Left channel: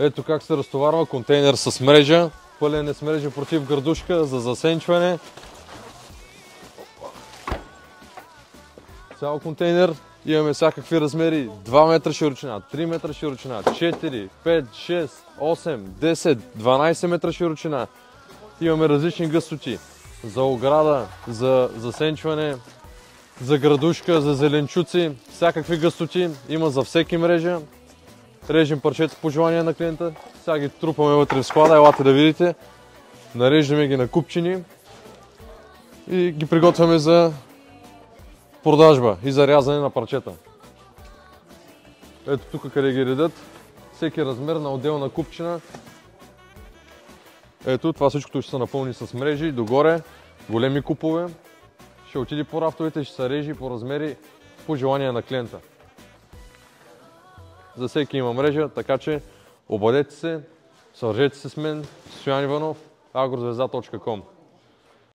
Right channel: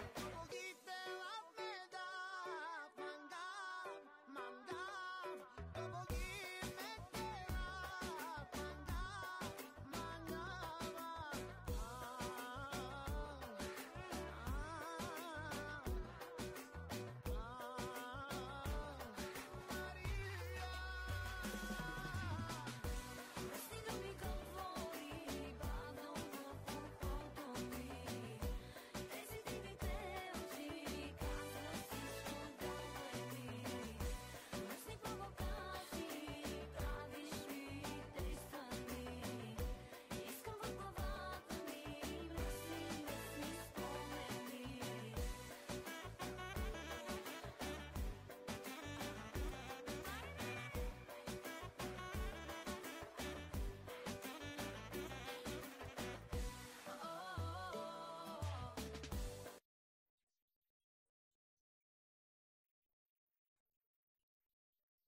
Ето как се разтоварва контейнер с мрежа. Пълен е с мрежа против градушка за засенчване. Цял контейнер. Имаме всякакви размери. 2 метра широчина, 3 метра широчина, 4, 5, 6, 8, 10, 12 метра широчина. Имаме различни гъстоти. За ограда, за засенчване, за градушка, за зеленчуци. Всякакви гъстоти. Има за всеки мрежа. Режем парчета по желание на клиента. Сега ги трупаме вътре в склада. Елате да видите. Нареждаме ги на купчини. И ги приготвяме за продажба и за рязане на парчета. Ето тук къде ги редят. Всеки размер на отделна купчина. Ето това всичкото ще се напълни с мрежи. Догоре големи купове. Ще отиде по рафтовете, ще се режи по размери по желание на клиента. За всеки има мрежа, така че обадете се, свържете се с мен, Стоян Иванов, agroзвезда.com.